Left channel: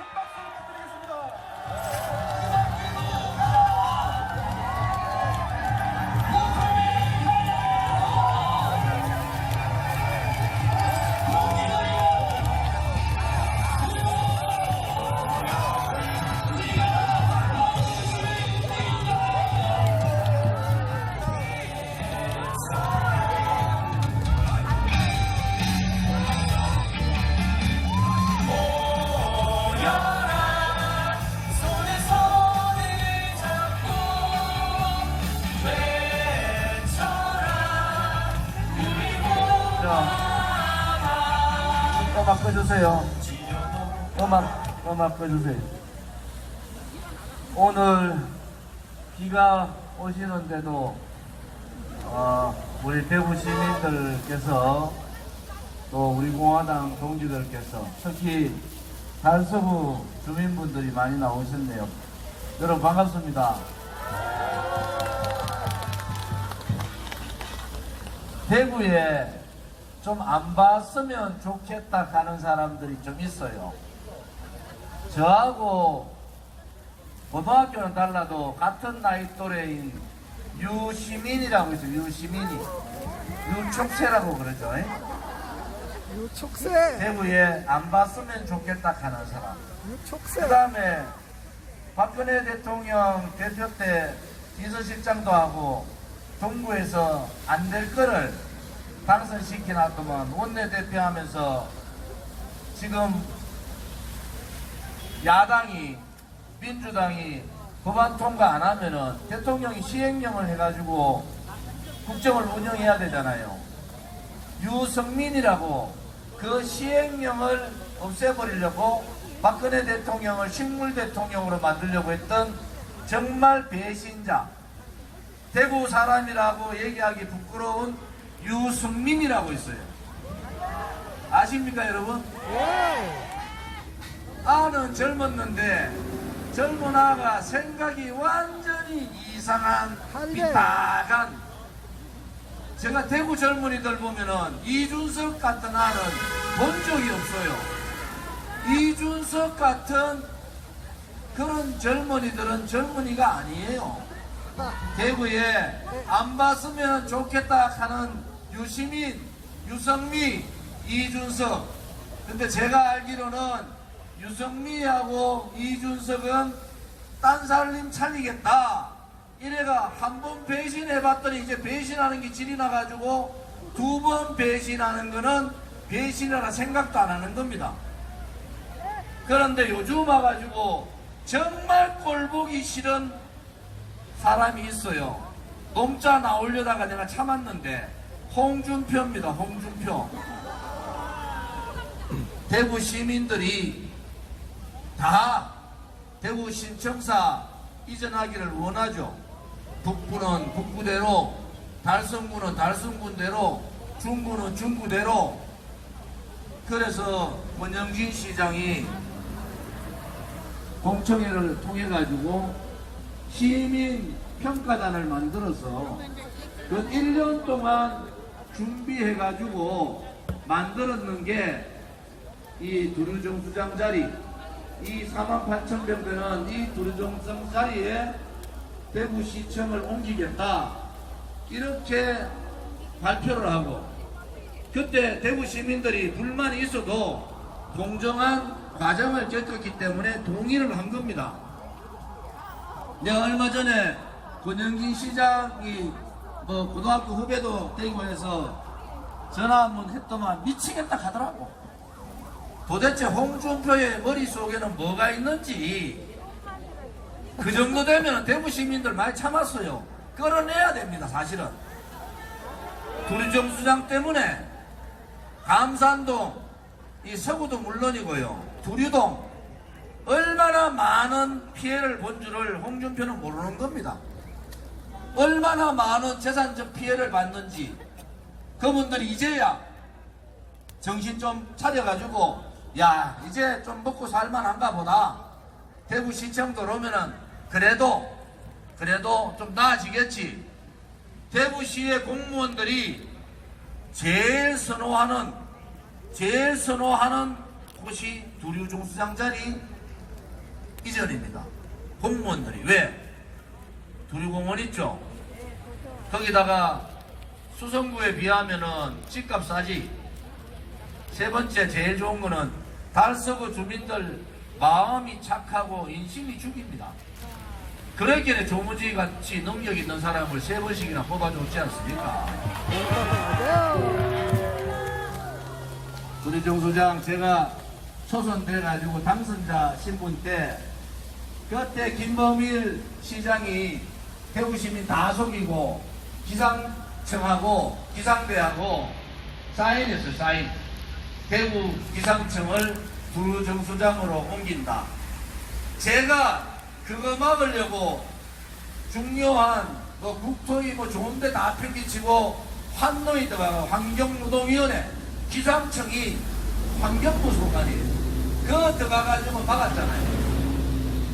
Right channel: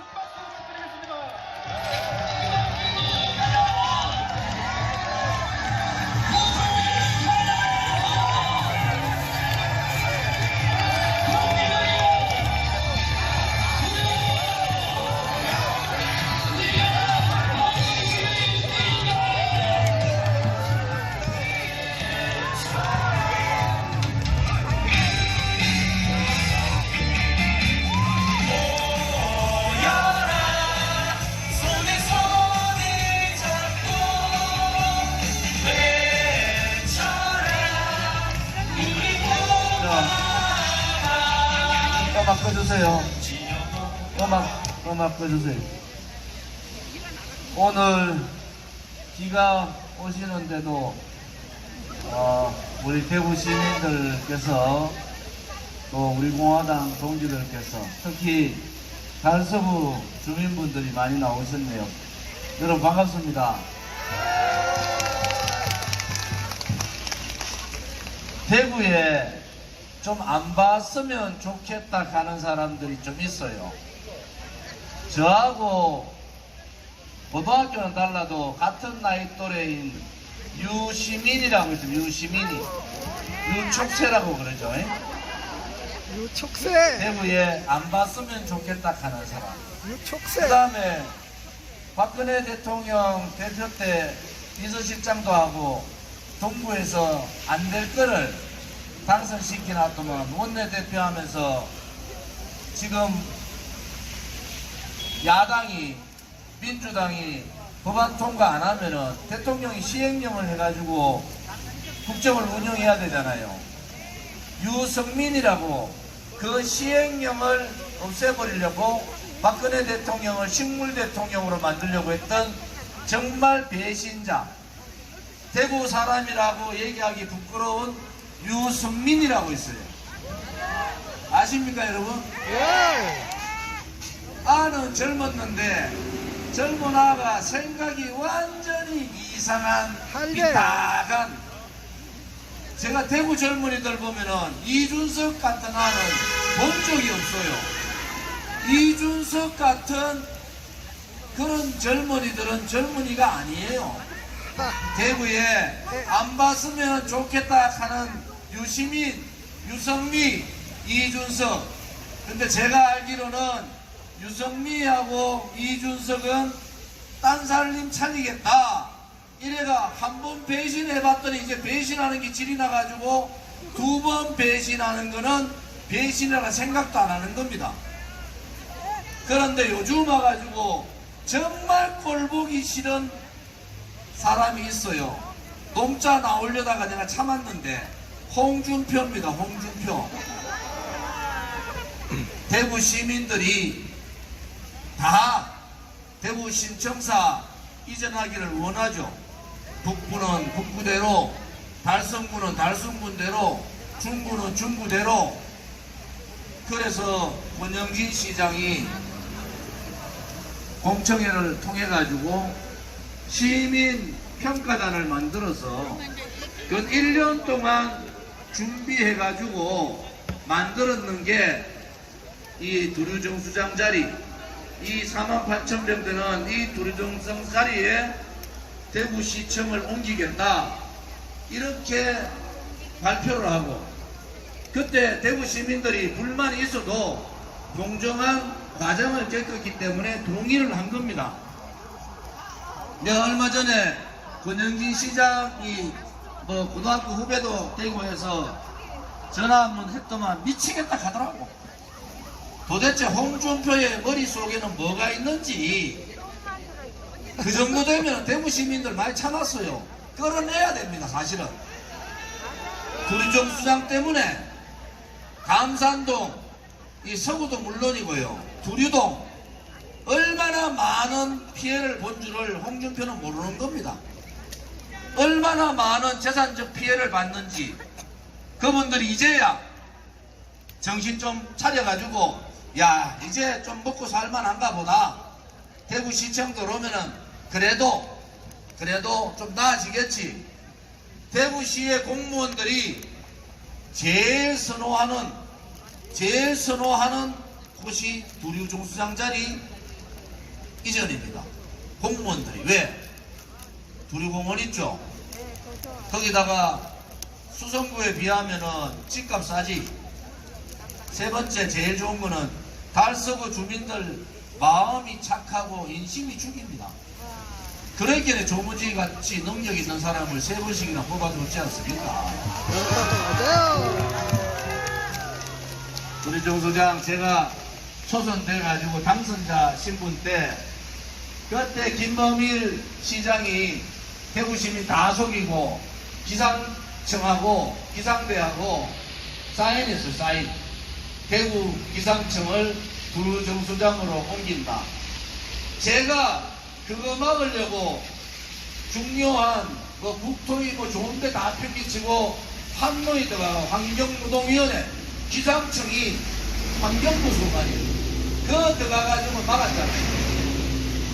큰 박수 부탁드리겠습니다. 음악 꺼주세요. 음악 꺼주세요. 오늘 비가 오시는데도 우리 대구 시민들께서 또 우리 공화당 동지들께서 특히 달서구 주민분들이 많이 나오셨네요. 여러분 반갑습니다. 대구에 좀 안 봤으면 좋겠다 하는 사람들이 좀 있어요. 저하고 고등학교는 달라도 같은 나이 또래인 유시민이라고 있어요. 유시민이. 유촉새라고 그러죠. 유촉새. 대구에 안 봤으면 좋겠다 하는 사람. 유촉새. 그 다음에 박근혜 대통령 대표 때 비서실장도 하고 동구에서 안 될 거를 당선시켜놨더만 원내대표 하면서 지금 야당이 민주당이 법안 통과 안 하면은 대통령이 시행령을 해가지고 국정을 운영해야 되잖아요. 유성민이라고 그 시행령을 없애버리려고 박근혜 대통령을 식물 대통령으로 만들려고 했던 정말 배신자, 대구 사람이라고 얘기하기 부끄러운 유승민이라고 있어요. 아십니까 여러분? 예. 아는 젊었는데 젊은 아가 생각이 완전히 이상한 비타간. 제가 대구 젊은이들 보면은 이준석 같은 아는 본 적이 없어요. 이준석 같은 그런 젊은이들은 젊은이가 아니에요. 대구에 안 봤으면 좋겠다 하는 유시민, 유성미, 이준석. 근데 제가 알기로는 유성미하고 이준석은 딴 살림 차리겠다 이래가 한 번 배신해봤더니 이제 배신하는 게 질이 나가지고 두 번 배신하는 거는 배신이라 생각도 안 하는 겁니다. 그런데 요즘 와가지고 정말 꼴보기 싫은 사람이 있어요. 농자 나오려다가 내가 참았는데 홍준표입니다. 홍준표. 대구 시민들이 다 대구 신청사 이전하기를 원하죠. 북구는 북구대로, 달성구는 달성군대로, 중구는 중구대로. 그래서 권영진 시장이 공청회를 통해 가지고 시민 평가단을 만들어서 그 1년 동안 준비해 가지고 만들었는 게 이 두류정수장 자리, 이 48,000명 되는 이 두류정수장 자리에 대구시청을 옮기겠다 이렇게 발표를 하고, 그때 대구 시민들이 불만이 있어도 공정한 과정을 겪었기 때문에 동의를 한 겁니다. 내가 얼마 전에 권영진 시장이 뭐 고등학교 후배도 대구에서 전화 한번 했더만 미치겠다 하더라고. 도대체 홍준표의 머릿속에는 뭐가 있는지. 그 정도 되면 대구 시민들 많이 참았어요. 끌어내야 됩니다. 사실은 두류정수장 때문에 감산동, 이 서구도 물론이고요, 두류동 얼마나 많은 피해를 본 줄을 홍준표는 모르는 겁니다. 얼마나 많은 재산적 피해를 받는지 그분들이 이제야 정신 좀 차려가지고 야 이제 좀 먹고 살만한가 보다, 대구시청 들어오면은 그래도 좀 나아지겠지. 대구시의 공무원들이 제일 선호하는 곳이 두류정수장 자리, 이전입니다. 공무원들이. 왜? 두류공원 있죠? 거기다가 수성구에 비하면은 집값 싸지. 세 번째 제일 좋은 거는 달서구 주민들 마음이 착하고 인심이 죽입니다. 그렇기에 조무지 같이 능력 있는 사람을 3번씩이나 뽑아줬지 않습니까? 맞아요. 우리 정 소장, 제가 초선돼 가지고 당선자 신분 때 그때 김범일 시장이 대구 시민 다 속이고 기상청하고 기상대하고 사인했어요. 사인. 대구 기상청을 부정수장으로 옮긴다. 제가 그거 막으려고 중요한 국토위 좋은데 다 편기치고 환노에 들어가 환경노동위원회, 기상청이 환경부 소관이에요. 그거 들어가가지고 막았잖아요.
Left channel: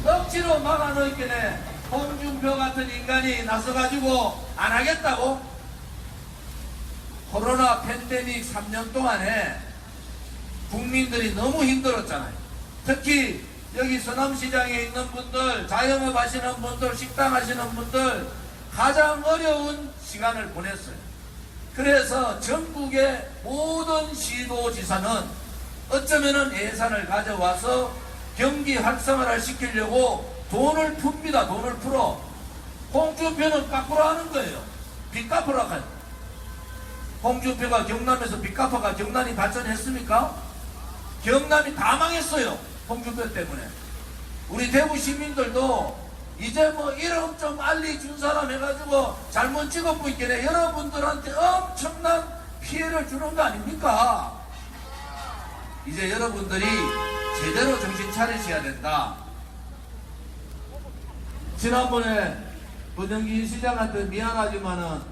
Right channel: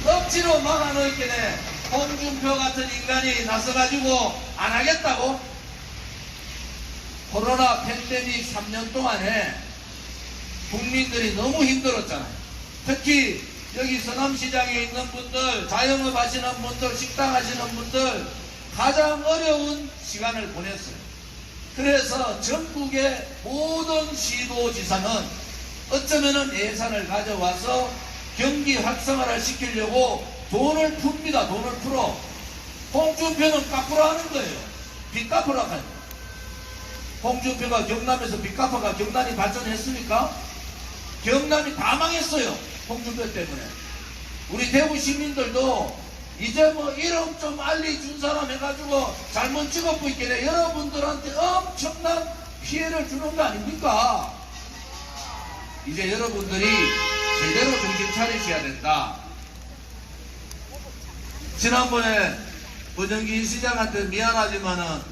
억지로 막아놓기에 홍준표 같은 인간이 나서가지고 안 하겠다고? 코로나 팬데믹 3년 동안에 국민들이 너무 힘들었잖아요. 특히 여기 서남시장에 있는 분들, 자영업 하시는 분들, 식당 하시는 분들 가장 어려운 시간을 보냈어요. 그래서 전국의 모든 시도지사는 어쩌면은 예산을 가져와서 경기 활성화를 시키려고 돈을 풉니다. 돈을 풀어. 홍준표는 거꾸로 하는 거예요. 빚 갚으러 가요. 홍준표가 경남에서 빚 갚아가 경남이 발전했습니까? 경남이 다 망했어요. 홍준표 때문에. 우리 대구 시민들도 이제 이름 좀 알려준 사람 해가지고 잘못 찍어보고 있겠네. 여러분들한테 엄청난 피해를 주는 거 아닙니까? 이제 여러분들이 제대로 정신 차리셔야 된다. 지난번에 권영기 시장한테 미안하지만은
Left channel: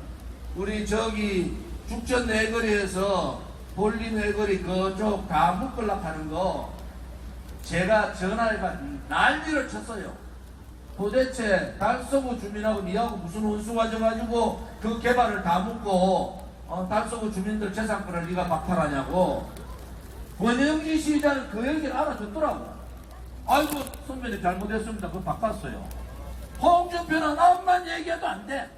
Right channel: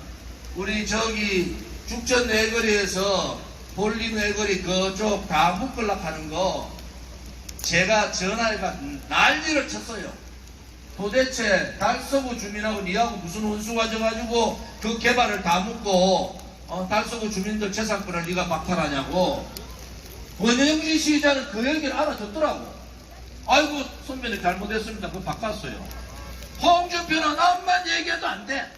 우리 저기 죽전 내거리에서 볼린 내거리 그쪽 다 묶으려고 하는 거 제가 전화해가 난리를 쳤어요. 도대체 달서구 주민하고 니하고 무슨 혼수 가져가지고 그 개발을 다 묶고 달서구 주민들 재산권을 니가 박탈하냐고. 권영기 시장은 그 얘기를 알아듣더라고. 아이고 선배님 잘못했습니다. 그거 바꿨어요. 홍준표는 암만 얘기해도 안 돼.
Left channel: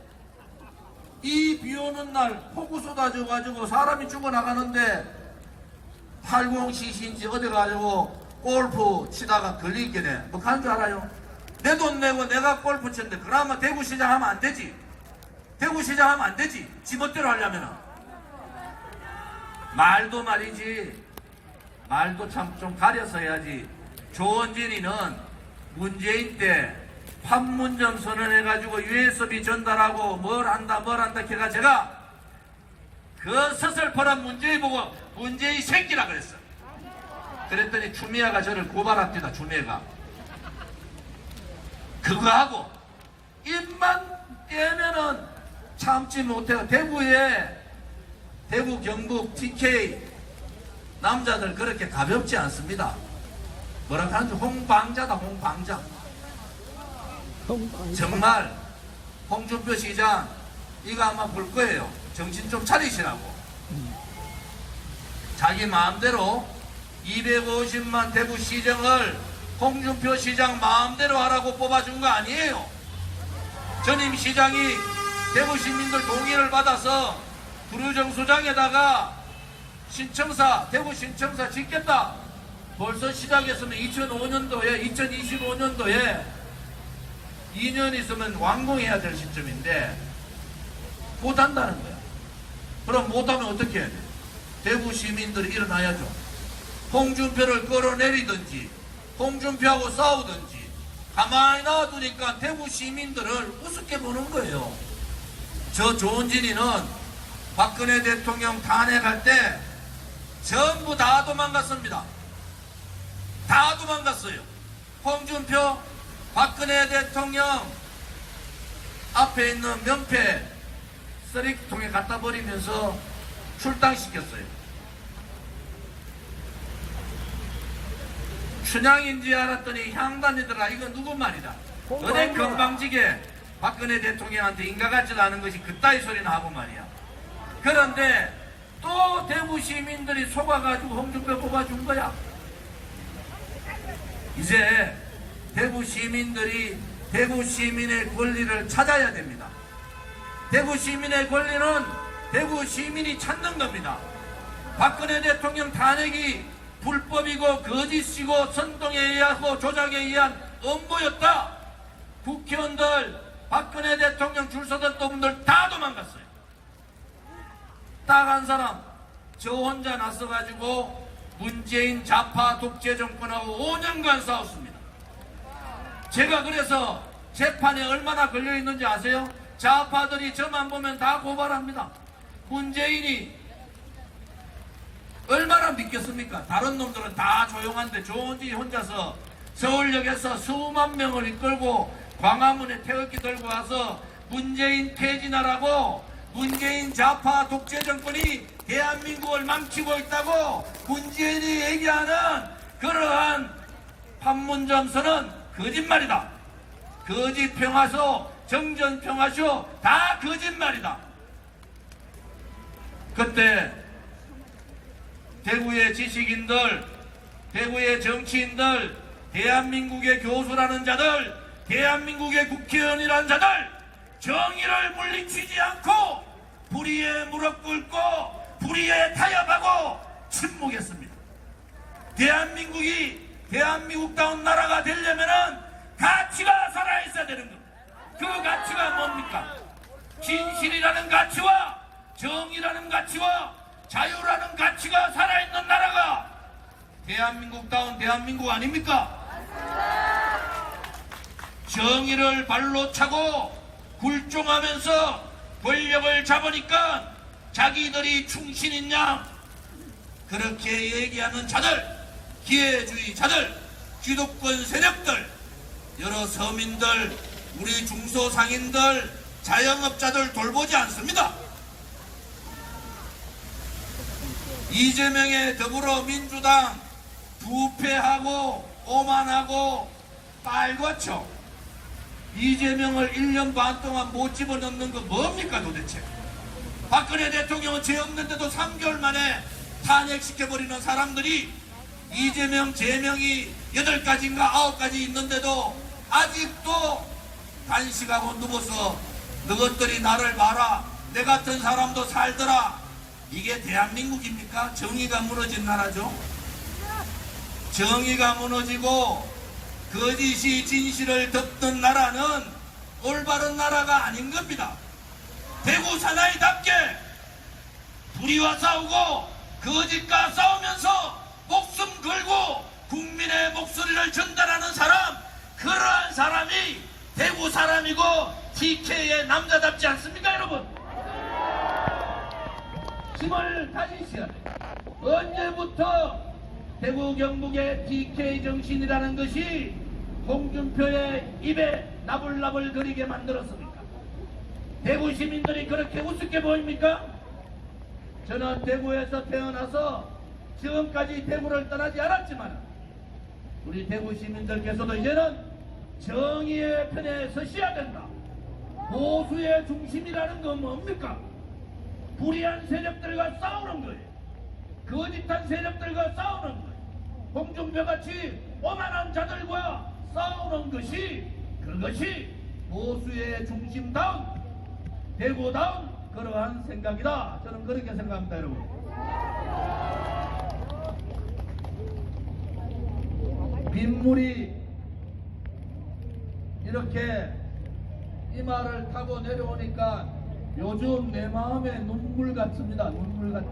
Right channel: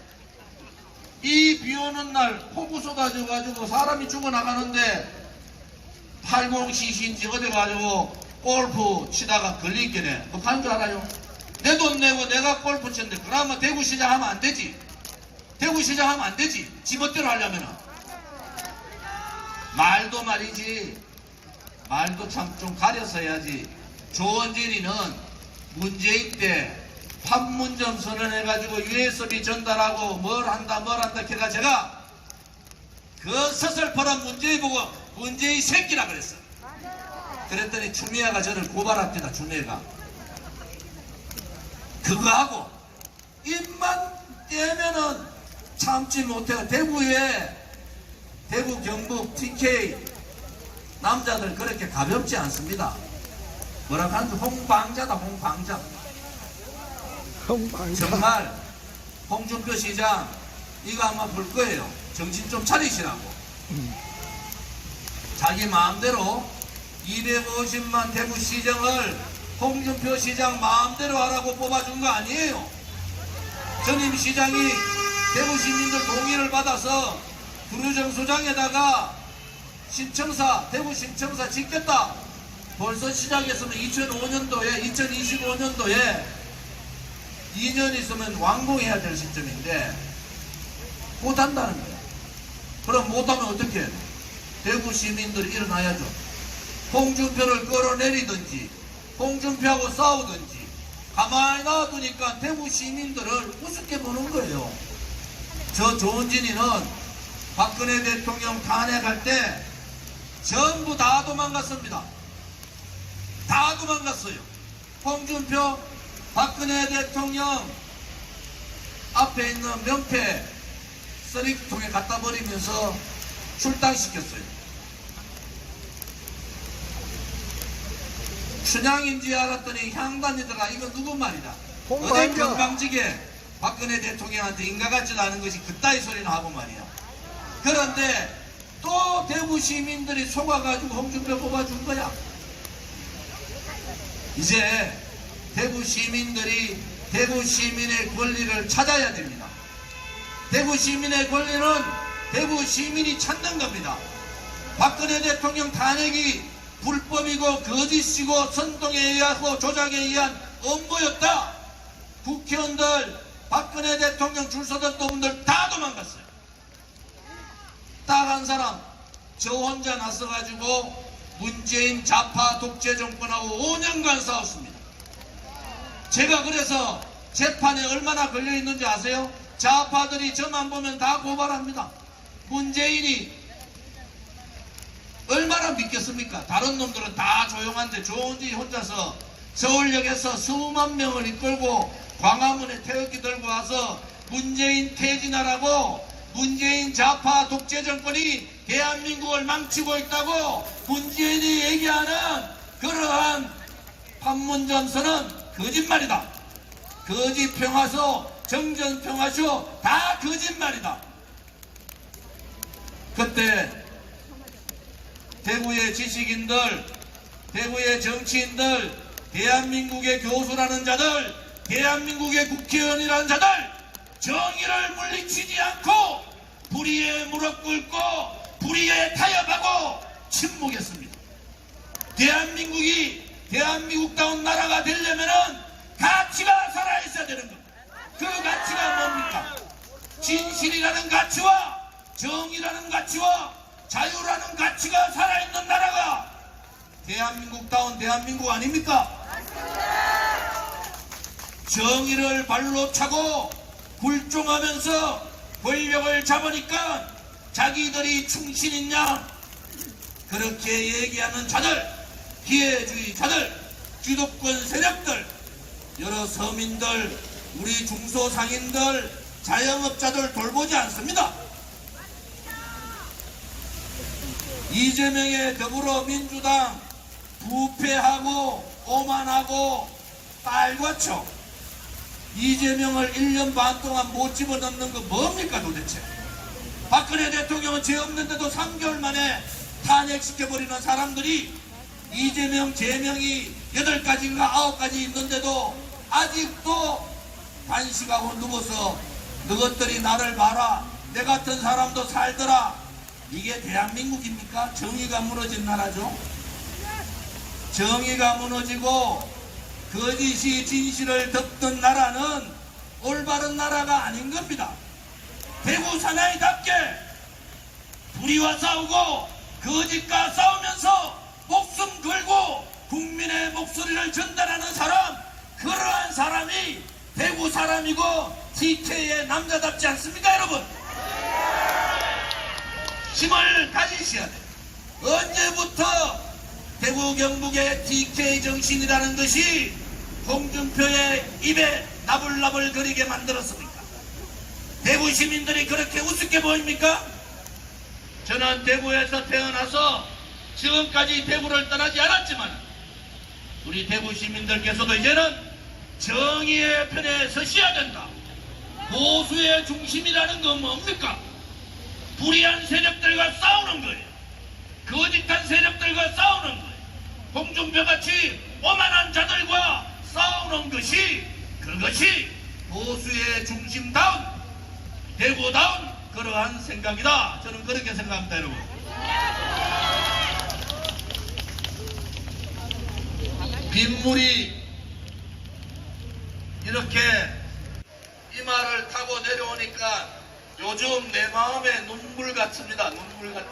이 비 오는 날 폭우 쏟아져가지고 사람이 죽어나가는데 80cc인지 어디 가지고 골프 치다가 걸리겠네. 뭐 가는 줄 알아요? 내 돈 내고 내가 골프 쳤는데 그나마 대구시장 하면 안 되지. 대구시장 하면 안 되지. 지멋대로 하려면은. 말도 말이지. 말도 참 좀 가려서 해야지. 조원진이는 문재인 때 판문점 선언해가지고 USB 전달하고 뭘 한다 걔가 제가 그 서슬퍼런 문재인 보고 문재인 새끼라 그랬어. 그랬더니 추미애가 저를 고발합니다. 추미애가 그거 하고 입만 떼면은 참지 못해요. 대구에 대구 경북 TK 남자들 그렇게 가볍지 않습니다. 뭐라 하는지 홍방자다. 홍방자. 정말 홍준표 시장 이거 아마 볼 거예요. 정신 좀 차리시라고. 자기 마음대로 250만 대구 시정을 홍준표 시장 마음대로 하라고 뽑아준 거 아니에요. 전임 시장이 대구 시민들 동의를 받아서 구류정수장에다가 신청사, 대구 신청사 짓겠다. 벌써 시작했으면 2005년도에 2025년도에 2년 있으면 완공해야 될 시점인데 못한다는 거야. 그럼 못하면 어떻게 해야 돼? 대구 시민들이 일어나야죠. 홍준표를 끌어내리든지 홍준표하고 싸우든지. 가만히 놔두니까 대구 시민들을 우습게 보는 거예요. 저 조원진이는 박근혜 대통령 탄핵할 때 전부 다 도망갔습니다. 다 도망갔어요. 홍준표 박근혜 대통령 앞에 있는 명패 쓰레기통에 갖다 버리면서 출당시켰어요. 춘향인지 알았더니 향단이더라. 이거 누구 말이다. 어디 건방지게 박근혜 대통령한테 인가 같지도 않은 것이 그따위 소리나 하고 말이야. 그런데 또 대구 시민들이 속아가지고 홍준표 뽑아준 거야. 이제 대구 시민들이 대구 시민의 권리를 찾아야 됩니다. 대구 시민의 권리는 대구 시민이 찾는 겁니다. 박근혜 대통령 탄핵이 불법이고 거짓이고 선동에 의하고 조작에 의한 음모였다. 국회의원들, 박근혜 대통령 줄 서던 분들 다 도망갔어요. 딱 한 사람, 저 혼자 나서가지고 문재인 좌파 독재 정권하고 5년간 싸웠습니다. 제가 그래서 재판에 얼마나 걸려있는지 아세요? 좌파들이 저만 보면 다 고발합니다. 문재인이 얼마나 믿겠습니까? 다른 놈들은 다 조용한데 조은지 혼자서 서울역에서 수만 명을 이끌고 광화문에 태극기 들고 와서 문재인 퇴진하라고, 문재인 좌파 독재 정권이 대한민국을 망치고 있다고 문재인이 얘기하는 그러한 판문점선은 거짓말이다. 거짓 평화소, 정전 평화쇼 다 거짓말이다. 그때 대구의 지식인들, 대구의 정치인들, 대한민국의 교수라는 자들, 대한민국의 국회의원이라는 자들 정의를 물리치지 않고 불의에 무릎 꿇고 불의에 타협하고 침묵했습니다. 대한민국이 대한민국다운 나라가 되려면은 가치가 살아있어야 되는 겁니다. 그 가치가 뭡니까? 진실이라는 가치와 정의라는 가치와 자유라는 가치가 살아있는 나라가 대한민국다운 대한민국 아닙니까? 정의를 발로 차고 굴종하면서 권력을 잡으니까 자기들이 충신인 양 그렇게 얘기하는 자들, 기회주의자들, 기득권 세력들, 여러 서민들, 우리 중소상인들, 자영업자들 돌보지 않습니다. 이재명의 더불어민주당 부패하고 오만하고 빨갛죠. 이재명을 1년 반 동안 못 집어넣는 건 뭡니까 도대체? 박근혜 대통령은 죄 없는데도 3개월 만에 탄핵시켜버리는 사람들이 이재명 제명이 8가지인가 9가지 있는데도 아직도 단식하고 누워서 너것들이 나를 봐라, 내 같은 사람도 살더라. 이게 대한민국입니까? 정의가 무너진 나라죠. 정의가 무너지고 거짓이 진실을 덮던 나라는 올바른 나라가 아닌 겁니다. 대구 사나이답게 불의와 싸우고 거짓과 싸우면서 목숨 걸고 국민의 목소리를 전달하는 사람, 그러한 사람이 대구 사람이고 TK의 남자답지 않습니까 여러분? 힘을 가지셔야 돼요. 언제부터 대구 경북의 TK 정신이라는 것이 홍준표의 입에 나불나불 거리게 만들었습니까? 대구 시민들이 그렇게 우습게 보입니까? 저는 대구에서 태어나서 지금까지 대구를 떠나지 않았지만 우리 대구 시민들께서도 이제는 정의의 편에 서셔야 된다. 보수의 중심이라는 건 뭡니까? 불의한 세력들과 싸우는 거예요. 거짓한 세력들과 싸우는 거예요. 홍준표같이 오만한 자들과 싸우는 것이, 그것이 보수의 중심다운 대구다운 그러한 생각이다. 저는 그렇게 생각합니다 여러분. 빗물이 이렇게 이마를 타고 내려오니까 요즘 내 마음에 눈물 같습니다. 눈물 같아.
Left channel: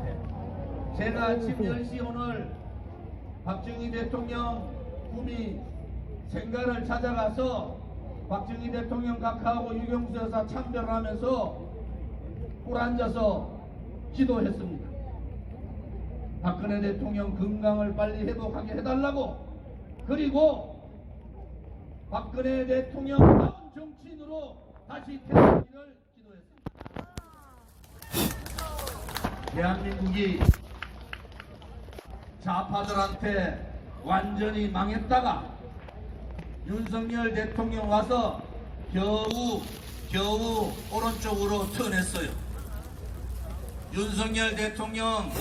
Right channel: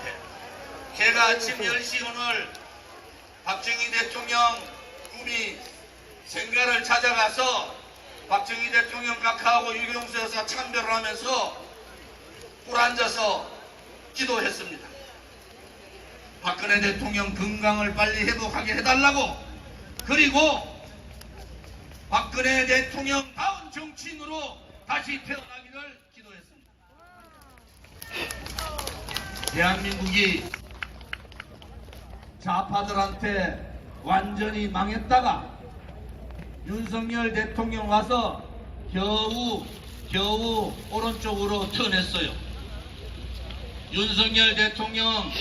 걔가 아침 10시 오늘 박정희 대통령 꿈이 생가를 찾아가서 박정희 대통령 각하하고 유경수 여사 참배를 하면서 꿀 앉아서 기도했습니다. 박근혜 대통령 건강을 빨리 회복하게 해달라고, 그리고 박근혜 대통령 다운 정치인으로 다시 태어나기를 기도했습니다. 대한민국이 좌파들한테 완전히 망했다가 윤석열 대통령 와서 겨우 오른쪽으로 턴했어요. 윤석열 대통령,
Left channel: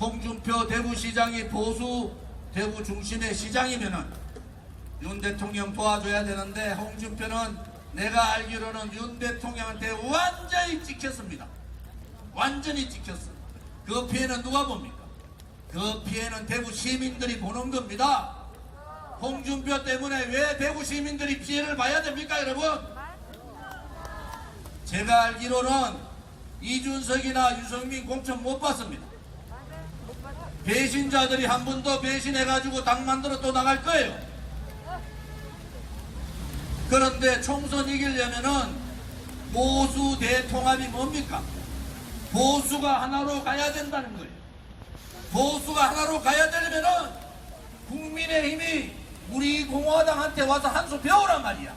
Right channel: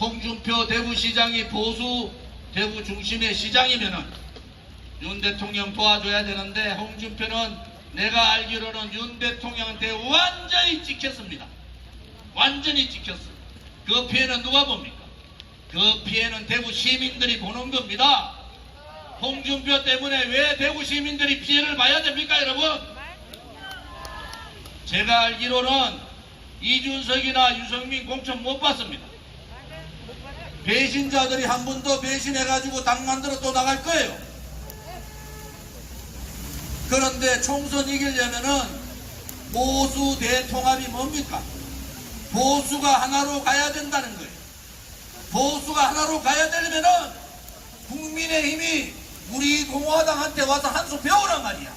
홍준표 대구시장이 보수 대구 중심의 시장이면은 윤 대통령 도와줘야 되는데 홍준표는 내가 알기로는 윤 대통령한테 완전히 찍혔습니다. 완전히 찍혔어. 그 피해는 누가 봅니까? 그 피해는 대구 시민들이 보는 겁니다. 홍준표 때문에 왜 대구 시민들이 피해를 봐야 됩니까, 여러분? 제가 알기로는 이준석이나 유승민 공천 못 받습니다. 배신자들이 한 번 더 배신해가지고 당 만들어 또 나갈 거예요. 그런데 총선 이기려면은 보수 대통합이 뭡니까? 보수가 하나로 가야 된다는 거예요. 보수가 하나로 가야 되려면은 국민의힘이 우리 공화당한테 와서 한 수 배우란 말이야.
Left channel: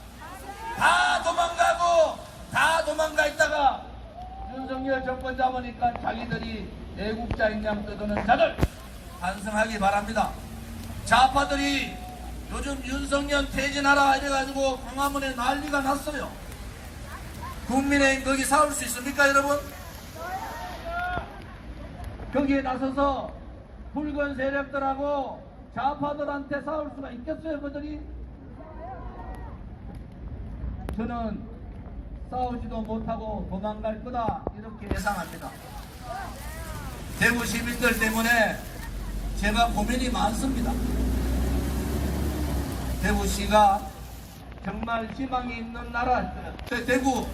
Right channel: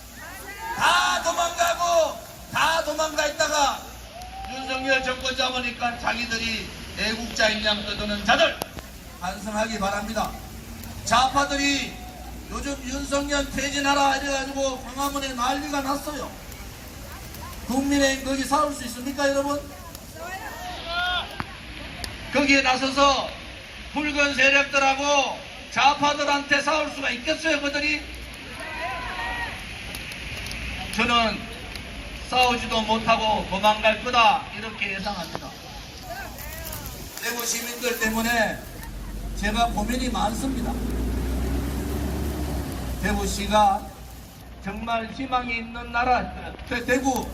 다 도망가 있다가 윤석열 정권 잡으니까 자기들이 애국자인 양 떠드는 자들 반성하기 바랍니다. 좌파들이 요즘 윤석열 퇴진하라 이래가지고 광화문에 난리가 났어요. 국민의힘 거기 싸울 수 있습니까, 여러분? 거기에 나서서 붉은 세력들하고 좌파들한테 싸울 수가 있겠어요, 그들이? 저는 싸우지도 못하고 도망갈 거다 이렇게 예상합니다. 대구 시민들 때문에 제가 고민이 많습니다. 대구시가 정말 희망이 있는 나라, 대구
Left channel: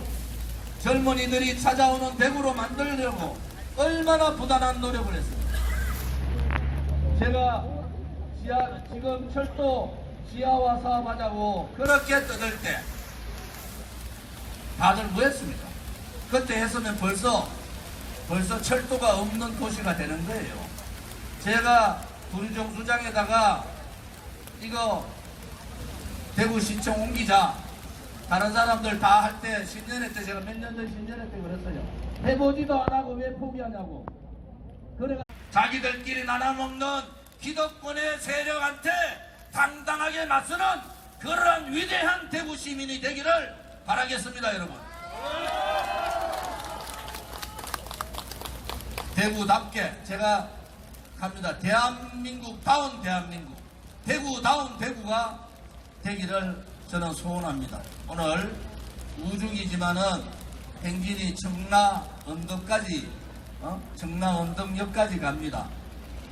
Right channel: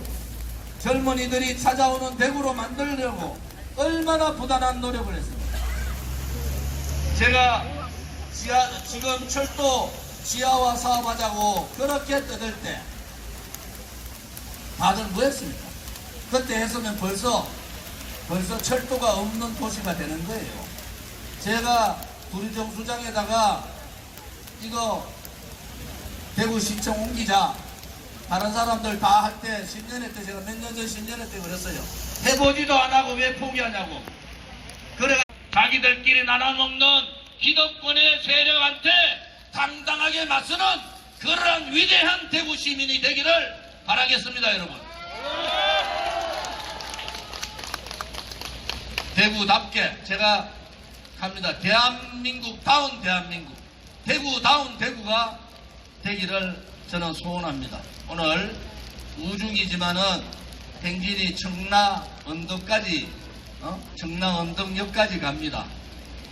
젊은이들이 찾아오는 대구로 만들려고 얼마나 부단한 노력을 했습니다. 제가 지금 철도 지하화 사업하자고 그렇게 떠들 때 다들 뭐 했습니까? 그때 했으면 벌써 철도가 없는 도시가 되는 거예요. 제가 구리정수장에다가 이거 대구시청 옮기자 다른 사람들 다 할 때 10년회 때 제가 몇 년 전 10년회 때 그랬어요. 해보지도 안 하고 왜 포기하냐고. 그래 자기들끼리 나눠먹는 기득권의 세력한테 당당하게 맞서는 그러한 위대한 대구 시민이 되기를 바라겠습니다, 여러분. 대구답게 제가 합니다. 대한민국다운 대한민국, 대구다운 대구가 되기를 저는 소원합니다. 오늘 우중이지만은 행진이 청라 언덕까지 청라 언덕역까지 갑니다.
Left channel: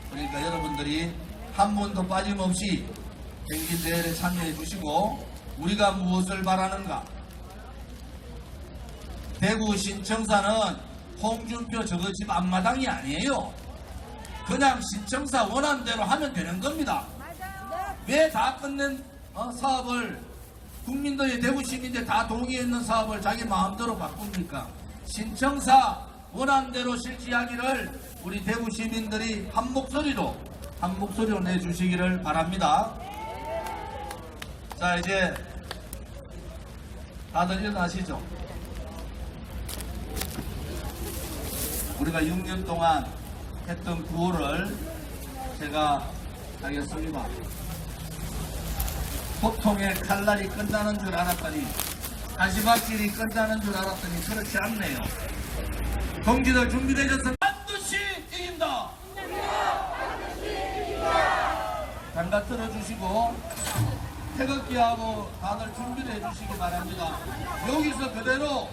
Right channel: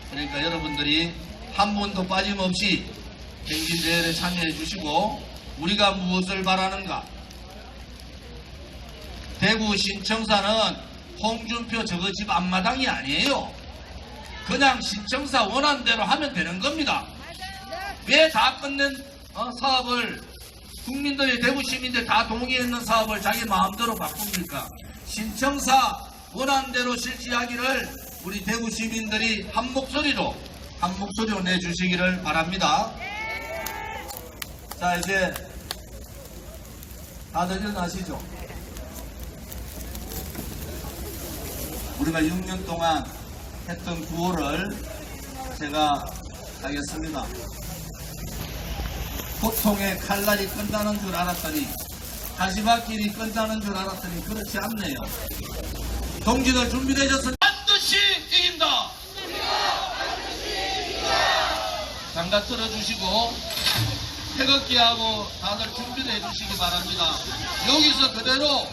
그러니까 여러분들이 한 번도 빠짐없이 행진대회에 참여해 주시고 우리가 무엇을 바라는가? 대구 신청사는 홍준표 저거 집 앞마당이 아니에요. 그냥 신청사 원하는 대로 하면 되는 겁니다. 왜 다 끝낸 사업을 국민들이 대구 시민들 다 동의했는 사업을 자기 마음대로 바꿉니까? 신청사 원하는 대로 실시하기를 우리 대구 시민들이 한 목소리로 내주시기를 바랍니다. 자, 이제 다들 일어나시죠. 우리가 6년 동안 했던 구호를 제가 하겠습니다. 고통의 칼날이 끝나는 줄 알았더니 가시밭길이 끝나는 줄 알았더니 그렇지 않네요. 동지들 준비되셨습니까? 반드시 이긴다. 장갑 들어주시고 태극기하고 다들 준비를 해주시기 바랍니다. 여기서 그대로